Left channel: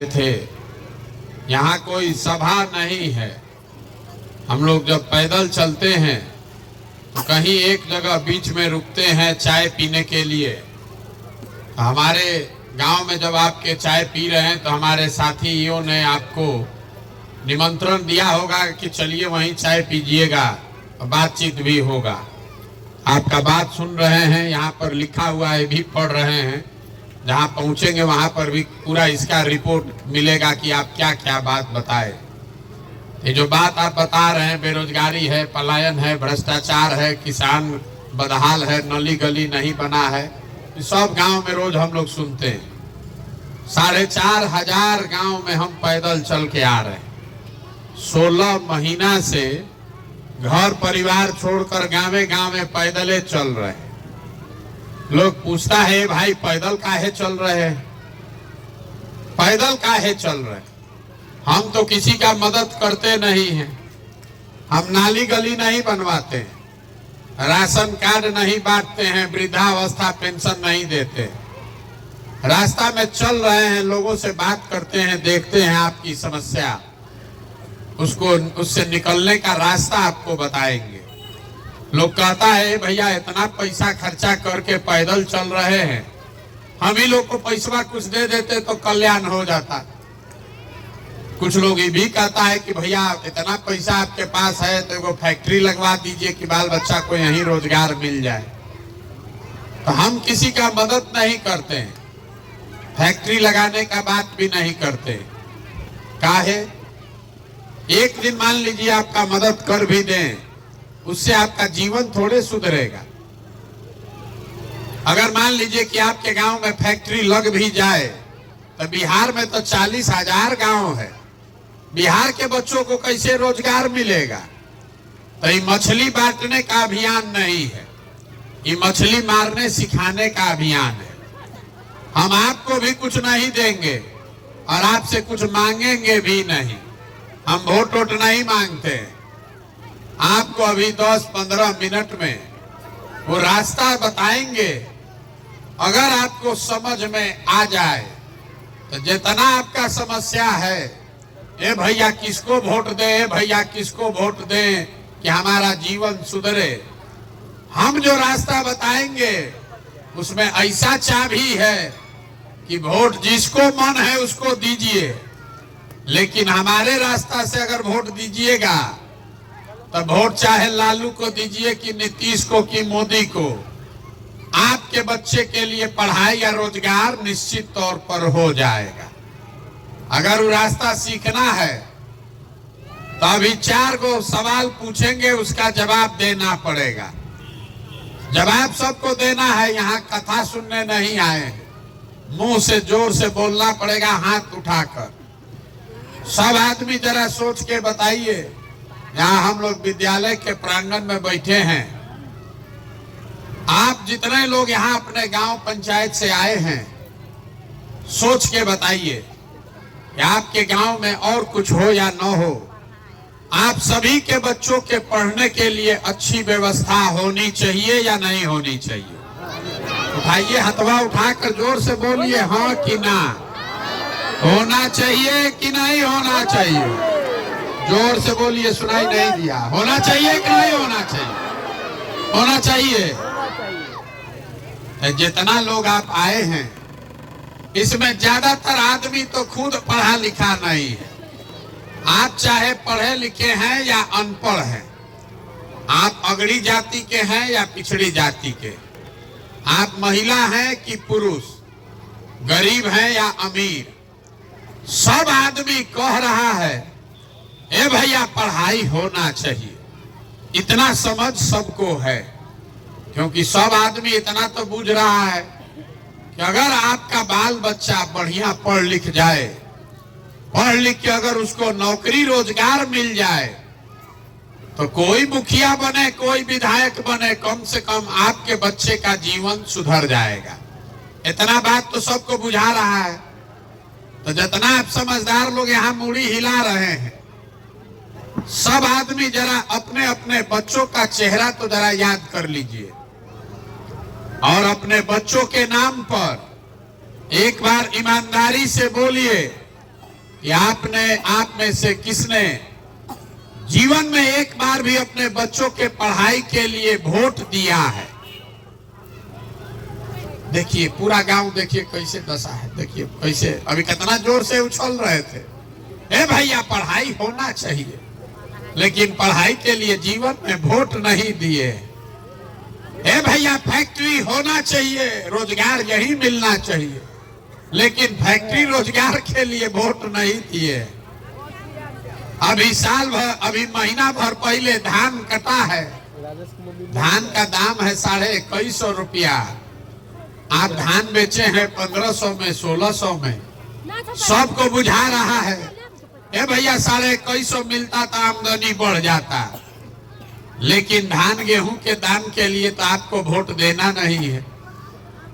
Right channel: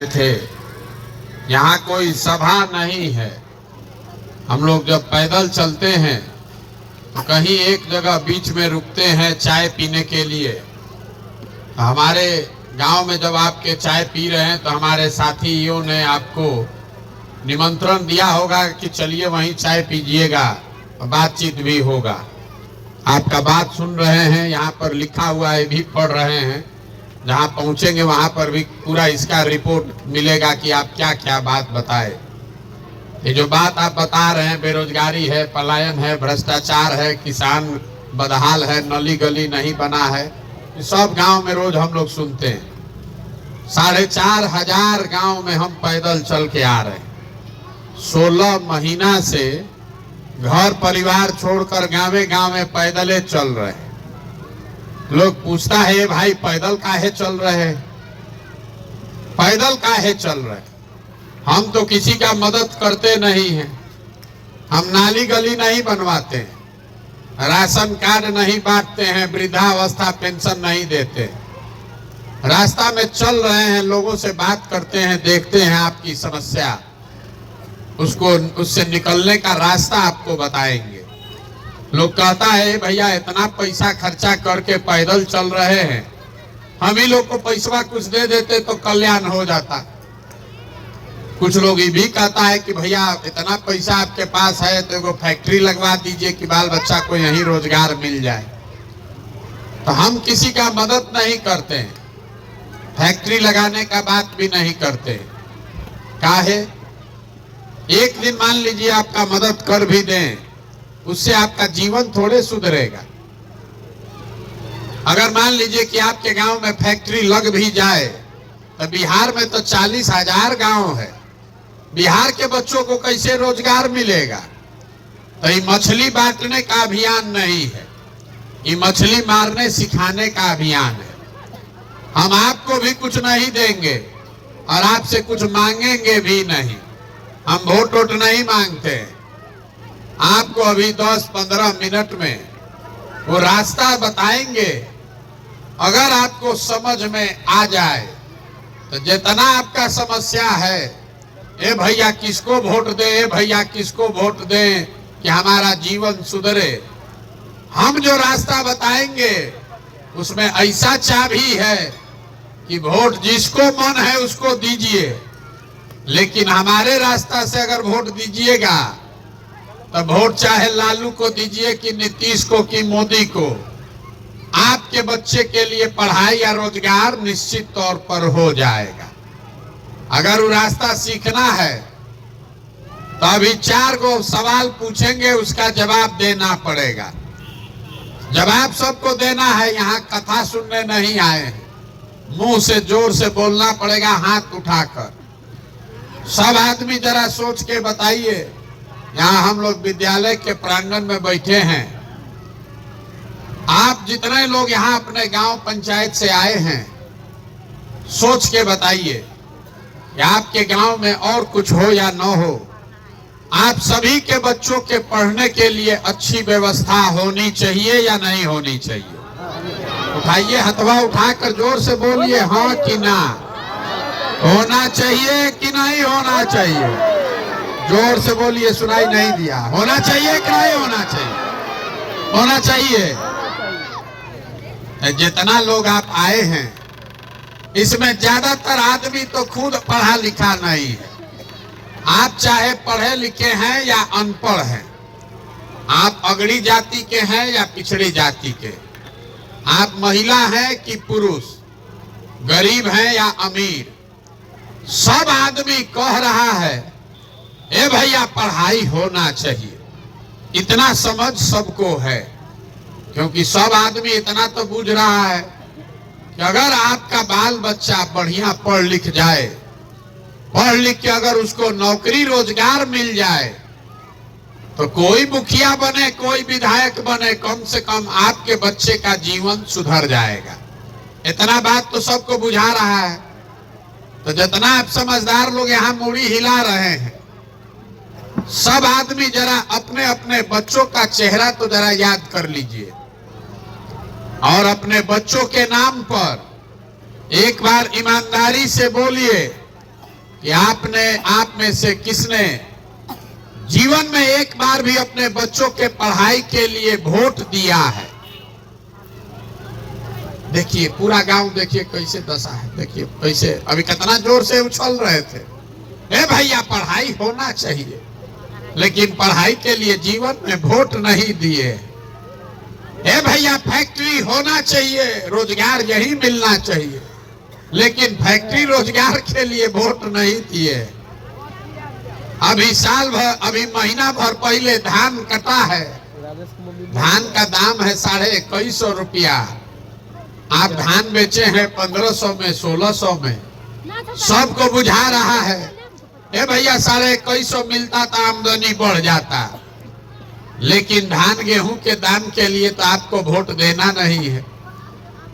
थे। यहाँ कोई सभा नहीं है। हम लोग जब पैदल चलते हैं तो कहीं एक जगह बीच में रुकते हैं चाय पीने के लिए। तो हमारे गांव में जब आपके चाय पी रहे हैं तो हमारे साथियों ने आपको निमंत्रण दिया होगा कि चलिए वहीं चाय पीजिएगा, बातचीत भी होगा। आपका बात सुन रहे हैं, यहाँ पर लिखा हुआ है भी पढ़ रहे हैं। जहाँ पहुँचेंगे वहाँ पर भी पूरा इसका रिपोर्ट मिलेगा कि आप क्या क्या बात बताए। ये जो बात आप बता रहे हैं, बेरोजगारी है, पलायन है, भ्रष्टाचार है, किसान बदहाल है, नली गली नहीं बना है, सब गांव में रोज हम लोग सुनते हैं। 4,500 गांव में हम पैदल चल के आ रहे हैं। 16 महीना से घर परिवार छोड़कर गाँवे गाँव पैदल चल रहे हैं। लोग पूछता है भाई पैदल काहे चल रहे हैं, पैदल काहे चल रहे हैं? हम तो किसी का मदद करते नहीं हैं, हम नाली गली नहीं बनवाते हैं, राशन कार्ड नहीं बांटते हैं, वृद्धावस्था पेंशन नहीं देते। रास्ता में चल रहे हैं, लोगों से बात करते हैं, देखते हैं आपकी समस्या, उससे निकलने का रास्ता आपको बताएंगे। लोग कहता है भैया इतना पैसा खर्चा करके पैदल चल रहे हैं, हम ही लोग को पैसा कुछ दे देते तो कल्याण हो जाता। कुछ लोग ये भी कहता है कि भैया इतना पैसा आपके पास है तो एगो फैक्ट्री लगवा दीजिए कि बाल बच्चा को यहीं रोजगार मिल जाए। तो हम किसी का मदद नहीं करते हैं, फैक्ट्री लगाने का बात भी नहीं करते। काहे? एक दिन मान लीजिए आपका मदद कर भी दें, उससे आपका जीवन थोड़े सुधरेगा। अगर मान लीजिए कि आपके गांव में फैक्ट्री लग भी जाए तो बिहार में तो 40,000 गांव है, बिहार के बच्चों को कैसे रोजगार मिलेगा? तो ये मछली बांटने का अभियान नहीं है, ये मछली मारने सिखाने का अभियान है। हम आपको भी कुछ नहीं देंगे और आपसे कुछ मांगेंगे भी नहीं। हम वोट वोट नहीं मांगते। आपको अभी 10-15 मिनट में वो रास्ता बताएंगे। अगर आपको समझ में आ जाए तो जितना आपका समस्या है, ए भैया किसको वोट दे, ए भैया किसको वोट दे कि हमारा जीवन सुधरे, हम जो रास्ता बताएंगे उसमें ऐसा चाबी है कि वोट जिसको मन है उसको दीजिए, लेकिन हमारे रास्ता से अगर वोट दीजिएगा तो वोट चाहे लालू को दीजिए कि नीतीश को कि मोदी को, आपके बच्चे के लिए पढ़ाई या रोजगार निश्चित तौर पर हो जाएगा। अगर वो रास्ता सीखना है तो अभी 4 गो सवाल पूछेंगे, उसका जवाब देना पड़ेगा। जवाब सबको देना है, यहाँ कथा सुनने नहीं आए हैं। मुंह से जोर से बोलना पड़ेगा, हाथ उठाकर। सब आदमी जरा सोच के बताइए। यहाँ हम लोग विद्यालय के प्रांगण में बैठे हैं। आप जितने लोग यहाँ अपने गांव पंचायत से आए हैं, सोच के बताइए कि आपके गांव में और कुछ हो या न हो, आप सभी के बच्चों के पढ़ने के लिए अच्छी व्यवस्था होनी चाहिए या नहीं होनी चाहिए? उठाइए, हथवा उठाकर जोर से बोलिए, हाँ कि ना। होना चाहिए कि नहीं होना चाहिए? जोर से बोलिए, सुनाई नहीं दिया। होना चाहिए कि नहीं होना चाहिए? होना चाहिए। जितना लोग आप आए हैं इसमें ज्यादातर आदमी तो खुद पढ़ा लिखा नहीं है। आप चाहे पढ़े लिखे हैं या अनपढ़ हैं, आप अगड़ी जाति के हैं या पिछड़ी जाति के, आप महिला हैं कि पुरुष, गरीब हैं या अमीर, सब आदमी कह रहा है ए भैया पढ़ाई होना चाहिए। इतना समझ सबको है, क्योंकि सब आदमी इतना तो बूझ रहा है कि अगर आपका बाल बच्चा बढ़िया पढ़ लिख जाए, पढ़ लिख के अगर उसको नौकरी रोजगार मिल जाए तो कोई मुखिया बने, कोई विधायक बने, कम से कम आपके बच्चे का जीवन सुधर जाएगा। इतना बात तो सबको बुझा रहा है। तो जितना आप समझदार लोग यहाँ मुड़ी हिला रहे हैं, सब आदमी जरा अपने अपने बच्चों का चेहरा तो जरा याद कर लीजिए और अपने बच्चों के नाम पर एक बार ईमानदारी से बोलिए कि आप में से किसने जीवन में एक बार भी अपने बच्चों के पढ़ाई के लिए वोट दिया है। देखिए पूरा गांव, देखिए कैसे दशा है, देखिए कैसे अभी कितना जोर से उछल रहे थे। ए भैया पढ़ाई होना चाहिए, लेकिन पढ़ाई के लिए जीवन में वोट नहीं दिए। ए भैया फैक्ट्री होना चाहिए, रोजगार यही मिलना चाहिए, लेकिन फैक्ट्री रोजगार के लिए वोट नहीं दिए। अभी साल भर, अभी महीना भर पहले धान कटा है, धान का दाम है 2150 रुपया। आप धान बेचे हैं 1500 में, 1600 में, सबको बुझा रहा है। ए भैया 2150 मिलता तो आमदनी बढ़ जाता, लेकिन धान गेहूं के दाम के लिए तो आपको वोट देना नहीं है।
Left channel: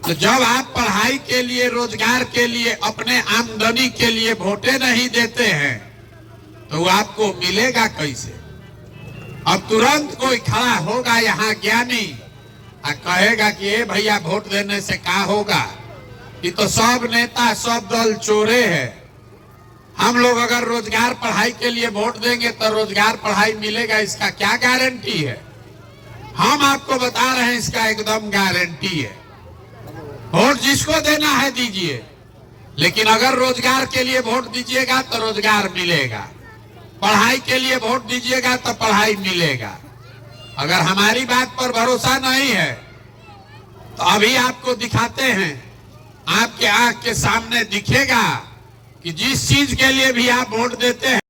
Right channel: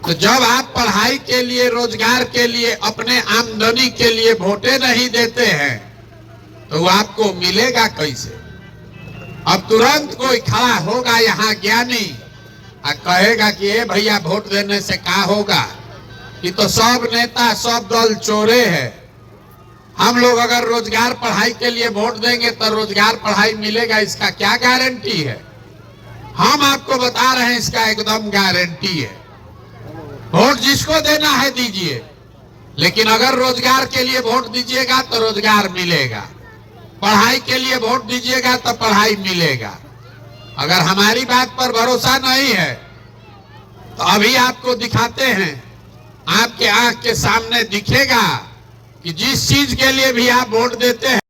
तो जब आप पढ़ाई के लिए, रोजगार के लिए, अपने आमदनी के लिए वोटे नहीं देते हैं तो आपको मिलेगा कैसे? अब तुरंत कोई खड़ा होगा यहाँ ज्ञानी और कहेगा कि ए भैया वोट देने से क्या होगा, कि तो सब नेता सब दल चोरे हैं। हम लोग अगर रोजगार पढ़ाई के लिए वोट देंगे तो रोजगार पढ़ाई मिलेगा, इसका क्या गारंटी है? हम आपको बता रहे हैं इसका एकदम गारंटी है। वोट जिसको देना है दीजिए, लेकिन अगर रोजगार के लिए वोट दीजिएगा तो रोजगार मिलेगा, पढ़ाई के लिए वोट दीजिएगा तो पढ़ाई मिलेगा। अगर हमारी बात पर भरोसा नहीं है तो अभी आपको दिखाते हैं, आपके आंख के सामने दिखेगा कि जिस चीज के लिए भी आप वोट देते हैं